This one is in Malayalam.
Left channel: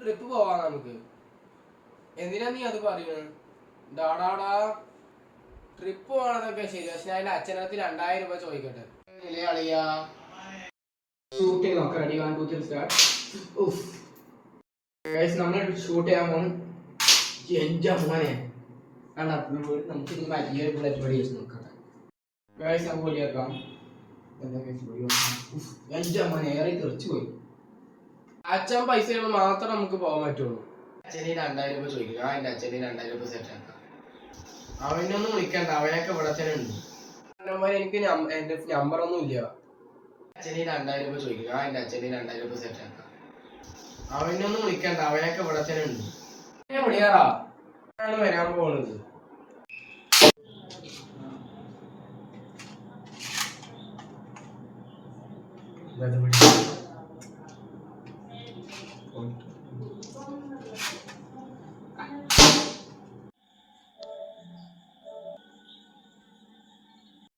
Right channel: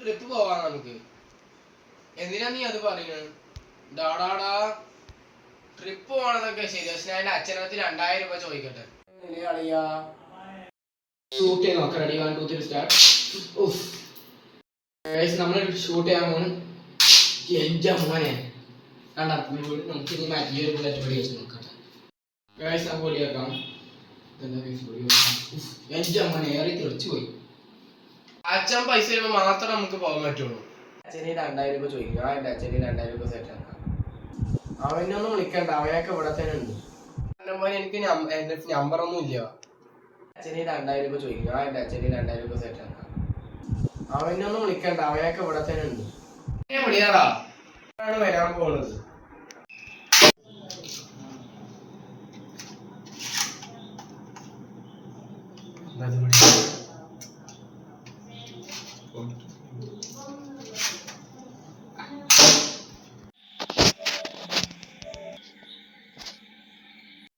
ട്രിപ്പ് പോവാ നമുക്ക്. എന്തിനാ നീ അത് പറയുന്നത്? ഡാടാടാ ട്രിപ്പ് പോകണതൊക്കെ ശരി, പക്ഷെ ഞാൻ എൻ്റെ അച്ഛനകത്ത് 2000 രൂപ ചോദിക്കട്ടെ. അളിയാ ഷൂട്ട് ചെയ്ത് നോക്കാം. Ready 1 2 3 start. നമ്മൾ ഷൂട്ട് ചെയ്യാൻ പോകും. എൻ്റെ മോനെ കണ്ടാ നമുക്ക് ഇനി മറ്റേ ബുള്ളറ്റ് വഴി വെച്ച് നോക്കട്ടെ. നമുക്ക് പൊടിയാക്കാം. എൻ്റെ മോനെ ഏറെ തെറിച്ചു പോയി. അച്ഛൻ പൈസ തരുമ്പോൾ മാത്രം നമുക്ക് പോകാൻ പറ്റുള്ളൂ. അച്ഛന് 2000 രൂപ ചോദിക്കും. ഞാൻ എൻ്റെ അച്ഛന് 2000 രൂപ സെറ്റ് ആക്കാം. അവനൊന്നും വിളിക്കണ്ട, അവനൊക്കെ ഇവിടെ തന്നെ ഉണ്ട്. എനിക്ക് എൻ്റെ നമ്പറൊന്നും ഇല്ല. അച്ഛന് 2000 രൂപ ചോദിക്കും. ഞാൻ എൻ്റെ അച്ഛന് 2000 രൂപ സെറ്റ് ആക്കാം. അവനൊന്നും വിളിക്കണ്ട, അവനൊക്കെ ഇവിടെ തന്നെ ഉണ്ട്. വിളിയാറാ വരാൻ പോകുന്നത്.